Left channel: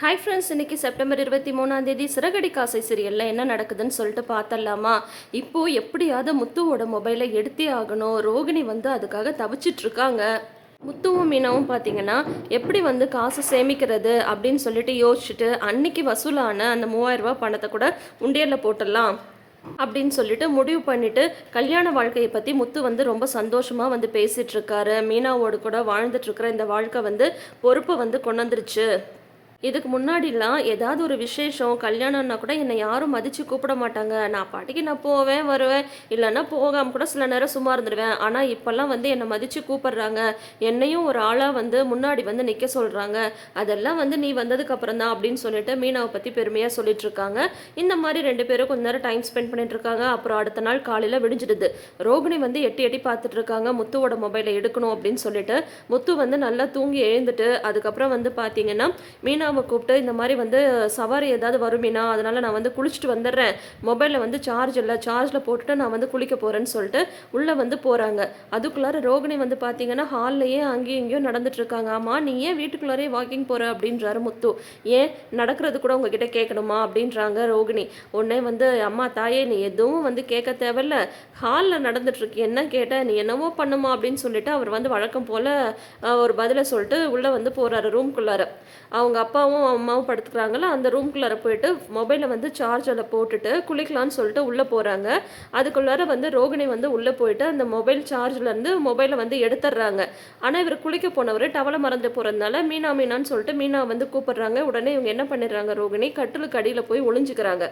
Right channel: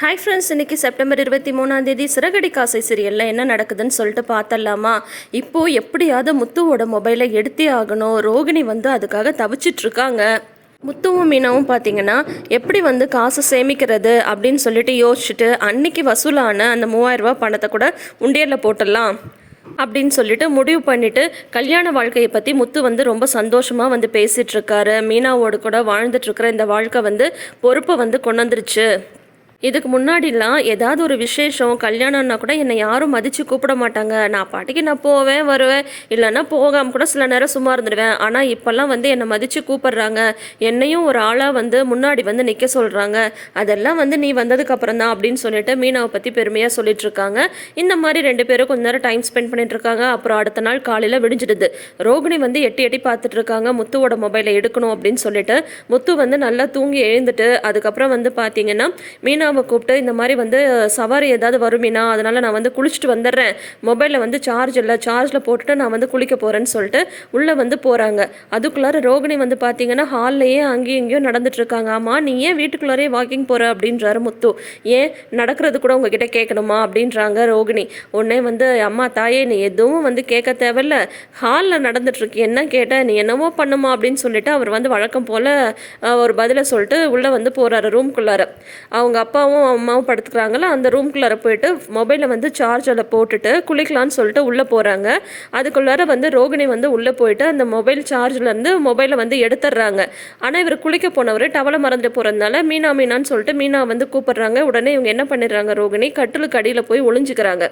Hi friends இன்னைக்கு September இருபத்தி மூணாம் தேதி சிறகடி காசை சீரியலில் என்ன நடக்குதுன்னு சொல்லிட்டு பார்த்தலாமா இப்போது எப்படியாவது முத்துவோட மொபைலை எடுத்தே ஆகணும். ரோகிணி வந்து அதுக்காக தவிச்சிட்ருக்காங்க முத்துவும் மீனாவும் பார்த்தீங்கன்னா எப்படி வந்து காசு சேமிக்கிறது அப்படின்னு சொல்லிட்டு யோசிச்சுட்டு அன்னைக்கு வசூலான அந்த மூவாயிரம் பணத்தை கூட உண்டியலில் போட்டுடலாம் அப்படின்னு சொல்லிட்டு முடிவு பண்ணிட்டு கல்யாண வாழ்க்கையை பற்றி முத்து வந்து ரொம்ப சந்தோஷமாக வந்து பேசிகிட்ருக்காரு மீனாவோடு கூட வாழ்ந்துட்டுருக்கிற இந்த வாழ்க்கை வந்து பொறுப்பை வந்து கொண்டு வந்துருச்சு. இதுக்கு முன்னாடிலாம் ஏதாவது ஒரு விசேஷம் கல்யாணம்னா கூட என்னை யாரும் மதித்து கூப்பிட மாட்டாங்க. நான் பாட்டுக்கு நான் போவேன் வருவேன். இல்லைன்னா போகாமல் கூட சில நேரம் சும்மா இருந்துடுவேன். ஆனால் இப்போல்லாம் வந்து என்னை மதித்து கூப்பிடுறாங்க. என்னையும் ஒரு ஆளாக வந்து முன்னாடி வந்து நிற்க சொல்கிறாங்க அதெல்லாம் வந்து நீ வந்ததுக்கப்புறம் தான் அப்படின்னு சொல்லிட்டு மீனாவை பற்றி பெருமையாக சொல்லிட்டு இருக்காங்க. இந்த மாதிரி ரெண்டு பேரும் கொஞ்ச நேரம் டைம் ஸ்பெண்ட் பண்ணிட்டு இருக்காங்க. அப்புறம் அடுத்த நாள் காலையில் விடிஞ்சிடுது. ரோகிணி வந்து எட்டி எட்டி பார்த்துட்டு இருக்காங்க. முத்துவோட மொபைலை எடுக்கணும் அப்படின்னு சொல்லிட்டு முத்து வந்து நல்லா தூங்கி எழுந்துட்டு அதுக்கப்புறம் வந்து பார்த்தீங்கன்னா மீனாவை கூப்பிட்டு இந்த மாதிரி வந்து சவாரி ஏதாவது வருமீனா அதனால் நான் வந்து குளிச்சுட்டு வந்துடுறேன். மொபைலில் வந்து சார்ஜ் இல்லை சார்ஜில் போட்டுட்டு நான் வந்து குளிக்க போகிறேன்னு சொல்லிட்டு உள்ளே வந்து போகிறாங்க அதுக்குள்ளார ரோகிணி வந்து பார்த்தீங்கன்னா ஹால்லையே அங்கேயும் இங்கேயும் நடந்துட்டுருக்காங்க ஆமாம் நீ ஏன் வீட்டுக்குள்ளாரே வாக்கிங் போகிற அப்படின்றாரு முத்து. ஏன் நடக்கிறது கூட உங்ககிட்ட கேட்கணுமா? அப்படின்றாங்க ரோகிணி. உடனே வந்து அம்மா தாயே நீ எதுவும் வந்து கேட்க தேவையில்ல. ஹாலில் நடந்துட்டுருக்கு என்ன கேட்ட? நீ என்னவோ பண்ணுமா? அப்படின்னு சொல்லிட்டு அவர் வந்து வழக்கம் போல் ஒரு பதிலை சொல்லிட்டு உள்ளே வந்து போகிறாரு ரூம்குள்ளார அவங்க அப்பா அப்பாவும் அம்மாவும் படுத்துக்கிறாங்களோ அந்த ரூம்குள்ளார போயிட்டு மொபைலை வந்து சார்ஜரில் போட்டுட்டு குளிக்கலான்னு சொல்லிட்டு உள்ளே போகிறாங்க அதுக்குள்ளார வந்து ரோகிணி வந்து உள்ளே போயிட்டு அந்த மொபைல் சார்ஜ்லேருந்து மொபைலை வந்து எடுத்துடுறாங்க. ஆனால் இவர் குளிக்க போனவர் டவலை மறந்து போகிறதுனால மீனா மீனான்னு சொல்லிட்டு மீனா வந்து கூப்பிடுறாங்க. உடனே இவங்க என்ன பண்ணிடுறாங்க ரோகிணி? கட்டிலுக்கு அடியில் போய் ஒளிஞ்சுக்கிறாங்க.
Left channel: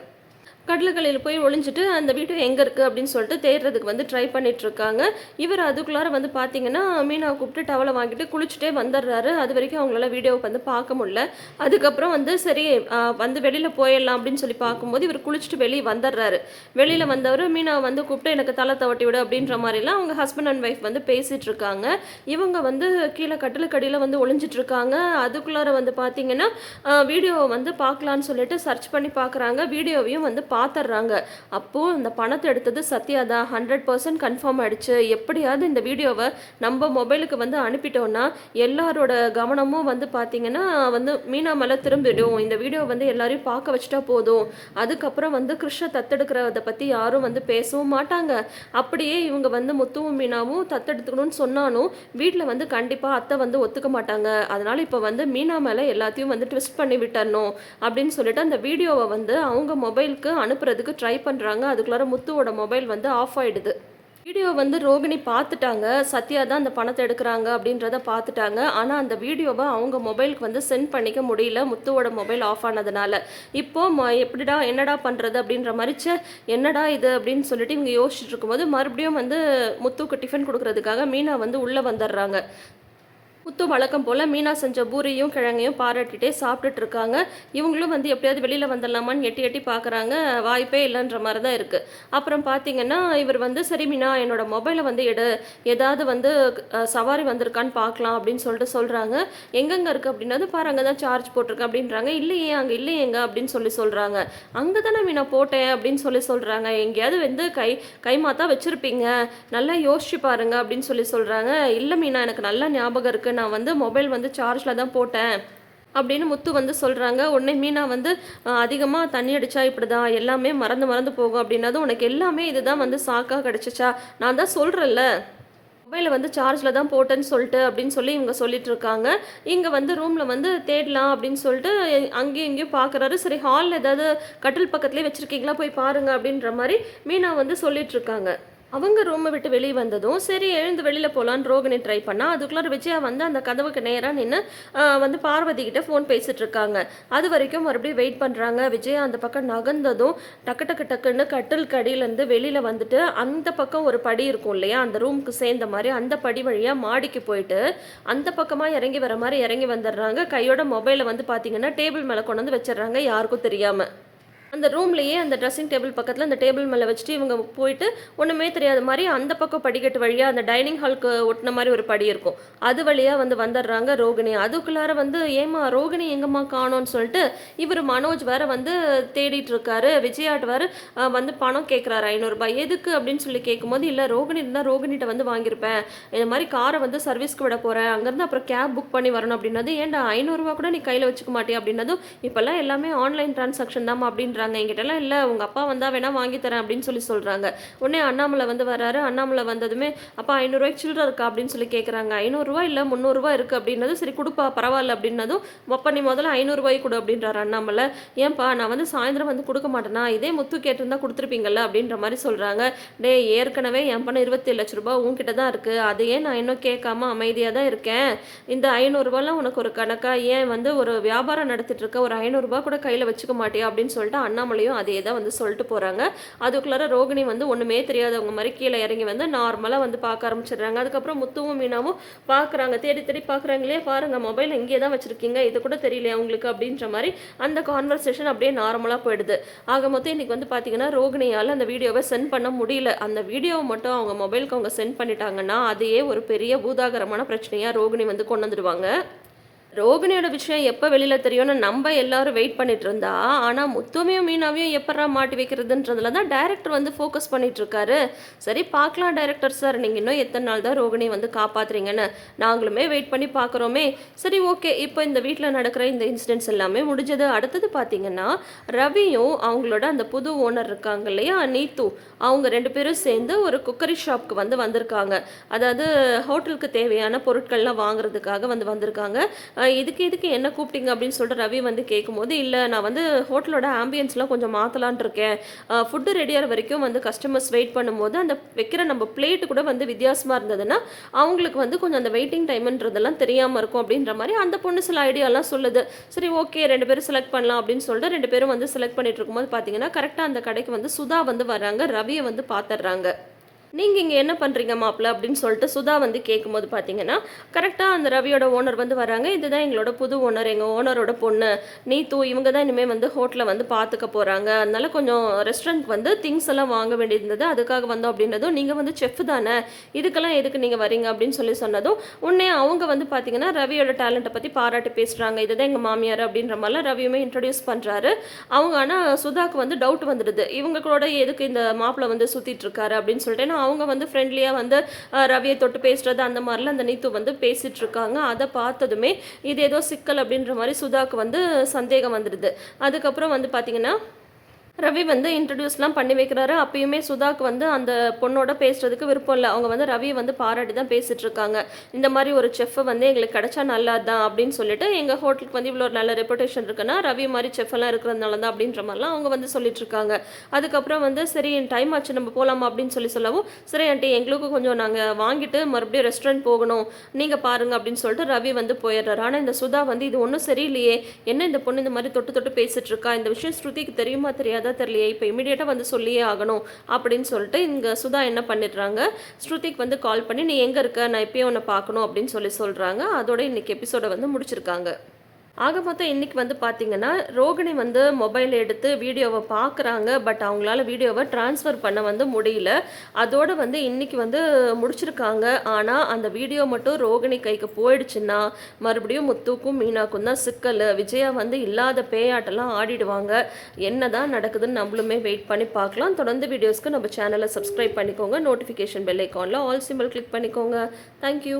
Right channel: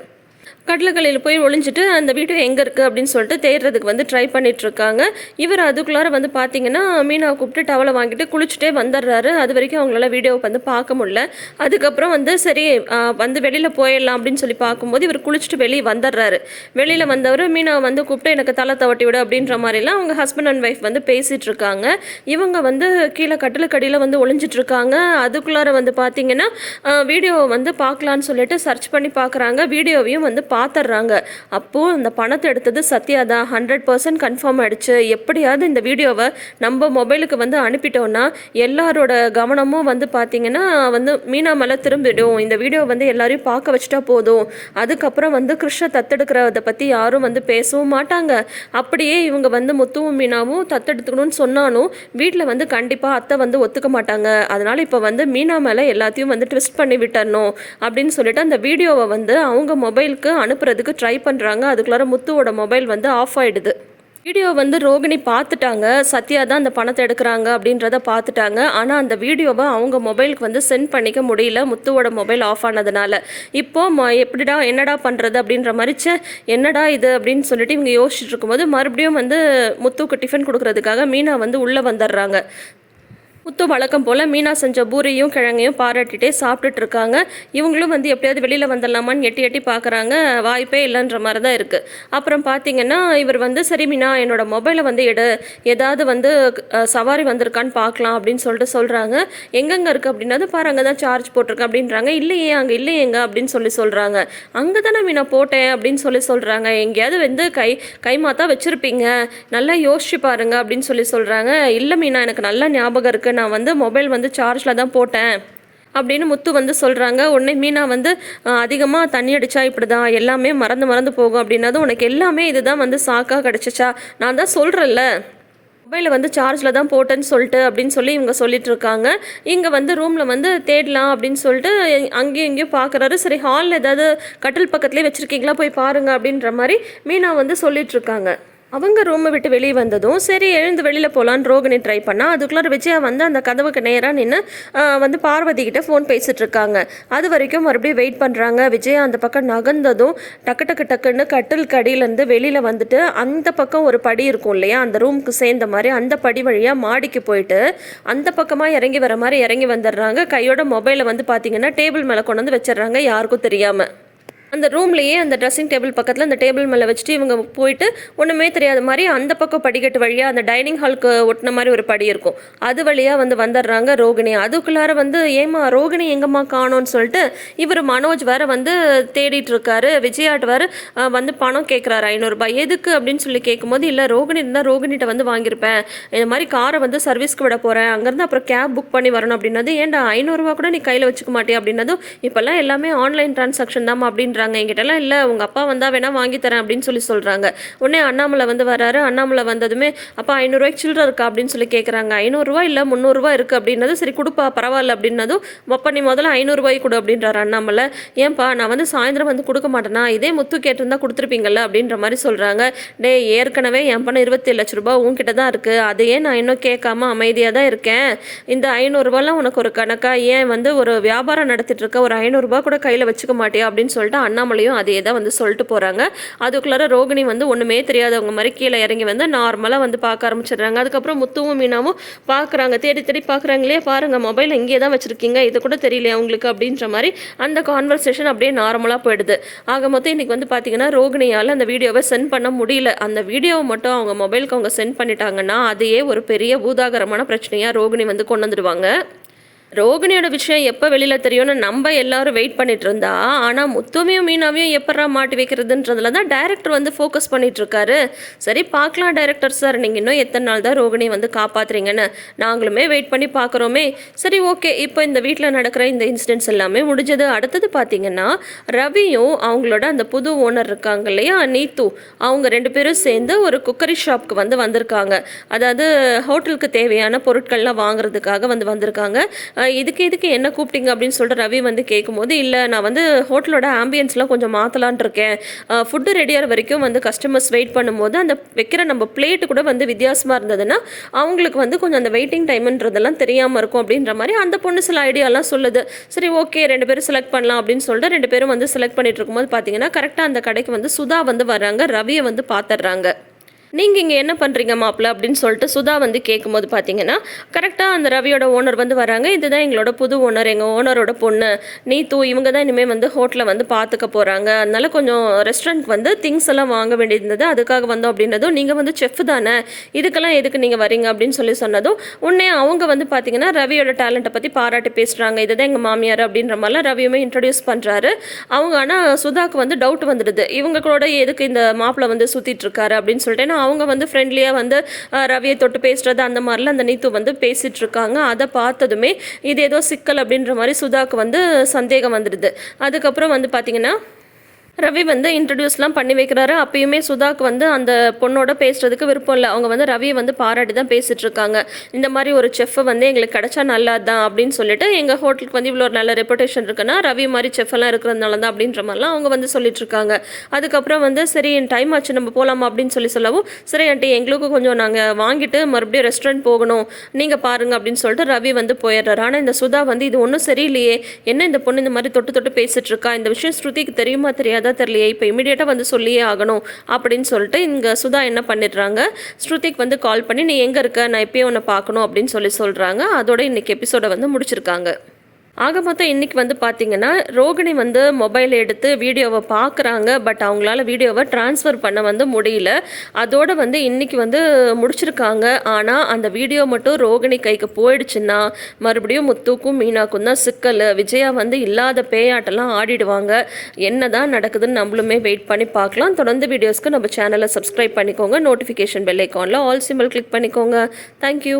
கட்டிலக்கலையில் போய் ஒளிஞ்சிட்டு அந்த வீடியோ எங்கே இருக்குது அப்படின்னு சொல்லிட்டு தேடுறதுக்கு வந்து ட்ரை பண்ணிகிட்ருக்காங்க இவர் அதுக்குள்ளார வந்து பார்த்தீங்கன்னா மீனாவை கூப்பிட்டு டவலை வாங்கிட்டு குளிச்சுட்டே வந்துடுறாரு. அது வரைக்கும் அவங்களால வீடியோவை வந்து பார்க்க முடியல. அதுக்கப்புறம் வந்து சரி வந்து வெளியில் போயிடலாம் அப்படின்னு சொல்லி பார்க்கும்போது இவர் குளிச்சுட்டு வெளியே வந்துடுறாரு. வெளியில் வந்தவர் மீனாவை வந்து கூப்பிட்டு எனக்கு தலை தவட்டி விடு அப்படின்ற மாதிரிலாம் அவங்க ஹஸ்பண்ட் அண்ட் ஒய்ஃப் வந்து பேசிகிட்டு இருக்காங்க இவங்க வந்து கீழே கட்டிலுக்கடியில் வந்து ஒளிஞ்சிட்டு இருக்காங்க அதுக்குள்ளார வந்து பார்த்தீங்கன்னா வீடியோவை வந்து பார்க்கலான்னு சொல்லிட்டு சர்ச் பண்ணி பார்க்குறாங்க வீடியோவையும் வந்து பார்த்துட்றாங்க அப்போது இந்த பணத்தை எடுத்தது சத்யா தான். ஹண்ட்ரட் பர்சன்ட் கன்ஃபார்ம் ஆகிடுச்சு எப்படியாவது இந்த வீடியோவை நம்ம மொபைலுக்கு வந்து அனுப்பிட்டோன்னா எல்லாரோட கவனமும் வந்து பார்த்தீங்கன்னா வந்து மீனா மேலே திரும்பிடும். இந்த வீடியோ வந்து எல்லாரையும் பார்க்க வச்சுட்டா போதும். அதுக்கப்புறம் வந்து கிருஷ்ண தத்தெடுக்கிறத பற்றி யாரும் வந்து பேசவும் மாட்டாங்க. அப்படியே இவங்க வந்து முத்துவும் மீனாவும் தத்தெடுத்துக்கணும்னு சொன்னாலும் வீட்டில் வந்து கண்டிப்பாக அத்தை வந்து ஒத்துக்க மாட்டாங்க. அதனால் இப்போ வந்து மீனா மேலே எல்லாத்தையும் வந்து ட்விஸ்ட் பண்ணி விட்டுறணும். அப்படின்னு சொல்லிட்டு அந்த வீடியோவை வந்து அவங்க மொபைலுக்கு அனுப்புறதுக்கு ட்ரை பண்ணுறாங்க அதுக்குள்ளார முத்துவோட மொபைல் வந்து ஆஃப் ஆகிடுது வீடியோ வந்து ரோகிணி பார்த்துட்டாங்க சத்யா தான் அந்த பணத்தை எடுக்கிறாங்க அப்படின்றத பார்த்துட்டாங்க ஆனால் அந்த வீடியோவை அவங்க மொபைலுக்கு வந்து சென்ட் பண்ணிக்க முடியல. முத்துவோட மொபைல் ஆஃப் ஆனதுனால. இப்போ எப்படிடா என்னடா பண்ணுறது அப்படின்ற மாதிரி என்னடா இது அப்படின்னு சொல்லிட்டு இவங்க யோசிச்சுட்டு இருக்கும்போது மறுபடியும் வந்து முத்துக்கு டிஃபன் கொடுக்கறதுக்காக மீனா வந்து உள்ளே வந்துடுறாங்க. முத்து வழக்கம் போல் மீனா செஞ்ச பூரியும் கிழங்கையும் பாராட்டிட்டே சாப்பிட்டுட்டு இருக்காங்க இவங்களும் வந்து எப்படியாவது வெளியில் வந்துடலாமான்னு எட்டி எட்டி பார்க்குறாங்க வாய்ப்பே இல்லைன்ற மாதிரி தான் இருக்குது அப்புறம் பார்த்தீங்கன்னா இவர் வந்து சரி மீனா என்னோட மொபைலை வந்து எடு. ஏதாவது வந்து சவாரி வந்திருக்கான்னு பார்க்கலாம் அப்படின்னு சொல்லிட்டு சொல்கிறாங்க எங்கெங்கே இருக்குது அப்படின்னா பாரு அங்கே தான் சார்ஜ் போட்டிருக்கேன் அப்படின்றாங்க. இல்லையே அங்கே இல்லையேங்க அப்படின்னு சொல்லி சொல்கிறாங்க அங்கே தானே மீனா போட்டேன் அப்படின்னு சொல்லி சொல்கிறாங்க எங்கேயாவது வந்து கை கைமாத்தா வச்சுருப்பீங்க. நல்லா யோசிச்சு பாருங்க அப்படின்னு சொல்லி சொல்கிறாங்க இல்லை மீனா எனக்கு நல்லா ஞாபகம் இருக்குது நான் வந்து மொபைல் வந்து சார்ஜில் தான் போட்டேன் அப்படின்னு முத்து வந்து சொல்கிறாங்க உடனே மீனா வந்து அதிகமாக தண்ணி அடித்தா இப்படி தான் எல்லாமே மறந்து மறந்து போகும் அப்படின்னதும் உனக்கு எல்லாமே இதுதான் வந்து சாக்காக கிடச்சிச்சா? நான் தான் சொல்கிறேன்ல மொபைலை வந்து சார்ஜில் தான் போட்டேன்னு சொல்லிட்டு அப்படின்னு சொல்லி இவங்க சொல்லிட்டு இருக்காங்க. இங்கே வந்து ரூமில் வந்து தேடலாம் அப்படின்னு சொல்லிட்டு அங்கேயும் இங்கேயும் பார்க்குறாரு சரி ஹாலில் ஏதாவது கட்டில் பக்கத்துலேயே வச்சுருக்கீங்களா? போய் பாருங்கள் அப்படின்ற மாதிரி மீனா வந்து சொல்லிட்டு இருக்காங்க. அவங்க ரூமை விட்டு வெளியே வந்ததும் சரி எழுந்து வெளியில் போகலான்னு ரோகிணி ட்ரை பண்ணால் அதுக்குள்ளார விஜயா வந்து அந்த கதவுக்கு நேராக நின்று வந்து பார்வதிக்கிட்ட ஃபோன் பேசிகிட்ருக்காங்க அது வரைக்கும் மறுபடியும் வெயிட் பண்ணுறாங்க விஜயா அந்த பக்கம் நகர்ந்ததும் டக்கு டக்கு டக்குன்னு கட்டில் கடியிலேருந்து வெளியில் வந்துட்டு அந்த பக்கம் ஒரு படி இருக்கும் இல்லையா அந்த ரூமுக்கு சேர்ந்த மாதிரி அந்த படி வழியாக மாடிக்கு போயிட்டு அந்த பக்கமாக இறங்கி வர மாதிரி இறங்கி வந்துடுறாங்க. கையோட மொபைலை வந்து பார்த்தீங்கன்னா டேபிள் மேலே கொண்டு வந்து வச்சிடுறாங்க யாருக்கும் தெரியாமல் அந்த ரூம்லேயே அந்த ட்ரெஸ்ஸிங் டேபிள் பக்கத்தில் அந்த டேபிள் மேலே வச்சுட்டு இவங்க போயிட்டு ஒன்றுமே தெரியாத மாதிரி அந்த பக்கம் படிக்கட்டு வழியாக அந்த டைனிங் ஹாலுக்கு ஒட்டின மாதிரி ஒரு படி இருக்கும். அது வழியாக வந்து வந்துடுறாங்க ரோகிணி. அதுக்குள்ளார வந்து ஏமா ரோகிணி எங்கம்மா காணோன்னு சொல்லிட்டு இவர் மனோஜ் வேற வந்து தேடிட்டு இருக்காரு. விஜயாட் வேறு வந்து பணம் கேட்குறாரு ஐநூறுரூபா எதுக்கு? அப்படின்னு சொல்லி கேட்கும்போது இல்லை ரோகிணி இருந்தால் ரோகிணிகிட்ட வந்து வாங்கியிருப்பேன். இந்த மாதிரி காரை வந்து சர்வீஸ்க்கு விட போகிறேன் அங்கேருந்து அப்புறம் கேப் புக் பண்ணி வரணும். அப்படின்னது ஏன்டா ஐநூறுரூவா கூட நீ கையில் வச்சுக்க மாட்டியா? அப்படின்னதும் இப்போல்லாம் எல்லாமே ஆன்லைன் டிரான்சாக்ஷன் தான் அப்படின்ற அப்படின்றாங்க என்கிட்டலாம் இல்லை உங்கள் அப்பா வந்தால் வேணால் வாங்கி தரேன் அப்படின்னு சொல்லி சொல்கிறாங்க உடனே அண்ணாமலை வந்து வராரு. அண்ணாமலை வந்ததுமே அப்பா ஐநூறுரூவாய்க்கு சில்லற இருக்கா? அப்படின்னு சொல்லி கேட்குறாங்க ஐநூறுரூவா இல்லை முந்நூறுரூவா இருக்குது அப்படின்னது சரி கொடுப்பா பரவாயில்ல. அப்படின்னதும் அப்பா நீ முதல்ல ஐநூறுரூவாய்க்கு கொடு அப்படின்றாரு அண்ணாமலை. ஏன்பா நான் வந்து சாயந்தரம் வந்து கொடுக்க மாட்டேனா? இதே முத்து கேட்டிருந்தா கொடுத்துருப்பீங்கல்ல? அப்படின்ற மாதிரி சொல்கிறாங்க டே ஏற்கனவே என் பணம் இருபத்தி லட்ச ரூபாய் உன்கிட்ட தான் இருக்குது அதையே நான் இன்னும் கேட்காம அமைதியாக தான் இருக்கேன். இந்த ஐநூறுரூவாலாம் உனக்கு ஒரு கணக்காக ஏன் வந்து ஒரு வியாபாரம் நடத்திட்டு இருக்க ஒரு ஐநூறுரூபா கூட கையில் வச்சுக்க மாட்டியா? அப்படின்னு சொல்லிட்டு அண்ணாமலையும் அதே தான் வந்து சொல்லிட்டு போகிறாங்க அதுக்குள்ளார ரோகிணி வந்து ஒன்றுமே தெரியாதவங்க மாதிரி கீழே இறங்கி வந்து நார்மலாக வந்து பார்க்க ஆரம்பிச்சிடுறாங்க. அதுக்கப்புறம் முத்துவும் மீனாவும் பார்க்குறாங்க. தேடி தேடி பார்க்குறாங்களே பாருங்கள் மொபைல் இங்கே தான் வச்சுருக்கீங்க. இது கூட தெரியலையா உங்களுக்கு அப்படின்ற மாதிரி அந்த கான்வர்சேஷன் அப்படியே நார்மலாக போயிடுது. ஆக மொத்தம் இன்றைக்கி வந்து பார்த்தீங்கன்னா ரோகிணியால் அந்த வீடியோவை சென்ட் பண்ண முடியல. அந்த வீடியோவை மட்டும் அவங்க மொபைலுக்கு அவங்க சென்ட் பண்ணிட்டாங்கன்னா அதையே ஒரு பெரிய பூதாகரமான பிரச்சனையாக ரோகிணி வந்து கொண்டு வந்துடுவாங்க. ரோகிணியோட விஷயம் எப்போ வெளியில் தெரியும்னு நம்ம எல்லாரும் வெயிட் பண்ணிட்டு இருந்தா ஆனால் முத்துமையும் மீனாவையும் எப்படா மாட்டி வைக்கிறதுன்றதுல தான் டைரக்டர் வந்து ஃபோக்கஸ் பண்ணிட்டு இருக்காரு. சரி பார்க்கலாம் டைரக்டர் சார் நீங்கள் இன்னும் எத்தனை நாள் தான் ரோகிணி வந்து காப்பாத்துறீங்கன்னு. நாங்களுமே வெயிட் பண்ணி பார்க்குறோமே. சரி ஓகே இப்போ இந்த வீட்டில் நடக்கிற இந்த இன்சிடென்ட்ஸ் எல்லாமே முடிஞ்சது. அடுத்தது பார்த்தீங்கன்னா ரவியும் அவங்களோட அந்த புது ஓனர் இருக்காங்க இல்லையா நீத்து. அவங்க ரெண்டு பேரும் சேர்ந்து ஒரு குக்கரி ஷாப்க்கு வந்து வந்திருக்காங்க. அதாவது ஹோட்டலுக்கு தேவையான பொருட்கள்லாம் வாங்குறதுக்காக வந்து வந்திருக்காங்க. இதுக்கு இதுக்கு என்ன கூப்பிட்டீங்க அப்படின்னு சொல்லிட்டு ரவி வந்து கேட்கும்போது இல்லை நான் வந்து ஹோட்டலோட ஆம்பியன்ஸ்லாம் கொஞ்சம் மாற்றலான் இருக்கேன். ஃபுட்டு ரெடியாகிற வரைக்கும் வந்து கஸ்டமர்ஸ் வெயிட் பண்ணும்போது அந்த வைக்கிற நம்ம பிளேட்டு கூட வந்து வித்தியாசமாக இருந்ததுன்னா அவங்களுக்கு வந்து கொஞ்சம் அந்த வெயிட்டிங் டைம்ன்றதெல்லாம் தெரியாமல் இருக்கும் அப்படின்ற மாதிரி அந்த பொண்ணு சில ஐடியாலாம் சொல்லுது. சரி ஓகே ரெண்டு பேரும் செலக்ட் பண்ணலாம் அப்படின்னு சொல்லிட்டு ரெண்டு பேரும் வந்து செலக்ட் பண்ணிட்டு இருக்கும்போது பார்த்தீங்கன்னா கரெக்டாக அந்த கடைக்கு வந்து சுதா வந்து வராங்க ரவியை வந்து பார்த்துட்றாங்க நீங்கள் இங்கே என்ன பண்ணுறீங்க மாப்பிள்ள அப்படின்னு சொல்லிட்டு சுதா வந்து கேட்கும்போது பார்த்தீங்கன்னா கரெக்டாக அந்த ரவியோட ஓனர் வந்து வராங்க. இதுதான் எங்களோட புது ஓனர் எங்கள் ஓனரோட பொண்ணு நீத்து இவங்க தான் இனிமேல் வந்து ஹோட்டலில் வந்து பார்த்துக்க போகிறாங்க அதனால கொஞ்சம் ரெஸ்டாரண்ட் வந்து திங்ஸ் எல்லாம் வாங்க வேண்டியிருந்தது. அதுக்காக வந்தோம் அப்படின்றதும் நீங்கள் வந்து செஃப் தானே? இதுக்கெல்லாம் எதுக்கு நீங்கள் வரீங்க அப்படின்னு சொல்லி சொன்னதும் உடனே அவங்க வந்து பார்த்தீங்கன்னா ரவியோட டேலண்ட்டை பற்றி பாராட்டி பேசுகிறாங்க இதுதான் எங்கள் மாமியார் அப்படின்ற மாதிரிலாம் ரவியுமே இன்ட்ரடியூஸ் பண்ணுறாரு அவங்க ஆனால் சுதாக்கு வந்து டவுட் வந்துடுது. இவங்க கூட எதுக்கு இந்த மாப்பிள்ளை வந்து சுற்றிட்டு இருக்காரு அப்படின்னு சொல்லிட்டு அவங்க வந்து ஃப்ரெண்ட்லியாக வந்து ரவியை தொட்டு பேசுகிறது அந்த மாதிரிலாம் அந்த நீத்து வந்து பேசிகிட்டு இருக்காங்க அதை பார்த்ததுமே இது ஏதோ சிக்கல் அப்படின்ற மாதிரி சுதாக்கு வந்து சந்தேகம் வந்துடுது அதுக்கப்புறம் வந்து பார்த்தீங்கன்னா ரவி வந்து இன்ட்ரடியூஸ்லாம் பண்ணி வைக்கிறாரு. அப்பயுமே சுதாக்கு வந்து அந்த பொண்ணோட பேசுறதுக்கு விருப்பம் இல்லை. அவங்க வந்து ரவியை வந்து பாராட்டி தான் பேசிட்டு இருக்காங்க இந்த மாதிரி ஒரு செஃப் வந்து எங்களுக்கு கிடைச்சா நல்லதுதான் அப்படின்னு சொல்லிட்டு எங்கள் ஹோட்டலுக்கு வந்து இவ்வளோ ஒரு நல்ல ரெப்புடேஷன் இருக்குன்னா ரவி மாதிரி செஃப் எல்லாம் இருக்கிறதுனால தான் அப்படின்ற மாதிரிலாம் அவங்க வந்து சொல்லிட்டு இருக்காங்க அதுக்கப்புறம் வந்து சரி என் டைம் ஆச்சு நம்ம போகலாமா அப்படின்னு சொல்லி சொல்லவும் சரி ஆண்டி எங்களுக்கும் கொஞ்சம் நாங்கள் வாங்கிட்டு மறுபடியும் ரெஸ்டாரண்ட் போகணும். நீங்கள் பாருங்க அப்படின்னு சொல்லிட்டு ரவி வந்து போயிடுறாரு. ஆனால் இந்த சுதா வந்து இது ஒன்றும் சரியில்லையே. என்ன இந்த பொண்ணு இந்த மாதிரி தொட்டு தொட்டு பேசிட்டு இருக்கா இந்த விஷயம் ஸ்ருதிக்கு தெரியுமா தெரியாது? தெரியலையே இப்போ இமீடியட்டாக வந்து சொல்லியே ஆகணும் அப்படின்னு சொல்லிட்டு இங்கே சுதா என்ன பண்ணிடுறாங்க ஸ்ருதிக் வந்து கால் பண்ணி நீ எங்கே இருக்க? நான் எப்பயே உன்னை பார்க்கணும் அப்படின்னு சொல்லி சொல்கிறாங்க அதோட இன்னைக்கு எபிசோடை வந்து முடிச்சிருக்காங்க. ஆக மொத்தம் இன்றைக்கி வந்து பார்த்தீங்கன்னா ரோகிணி வந்து மொபைல் எடுத்து வீடியோவை பார்க்குறாங்க பட் அவங்களால வீடியோவை ட்ரான்ஸ்ஃபர் பண்ண வந்து முடியல. அதோட வந்து இன்றைக்கி வந்து முடிச்சிருக்காங்க. ஆனால் அந்த வீடியோ மட்டும் ரோகிணி கைக்கு போயிடுச்சுன்னா மறுபடியும் முத்துக்கும் மீனாக்கும் தான் சிக்கல். விஜயா வந்து இல்லாத பேயாட்டெல்லாம் ஆடிடுவாங்க. என்ன தான் நடக்குதுன்னு நம்மளுமே வெயிட் பண்ணி பார்க்கலாம். தொடர்ந்து வீடியோஸ்க்கு நம்ம சேனலை சப்ஸ்கிரைப் பண்ணிக்கோங்க. நோட்டிஃபிகேஷன் பெல் ஐக்கானில் ஆல் சிம்பிள் கிளிக் பண்ணிக்கோங்க. Thank you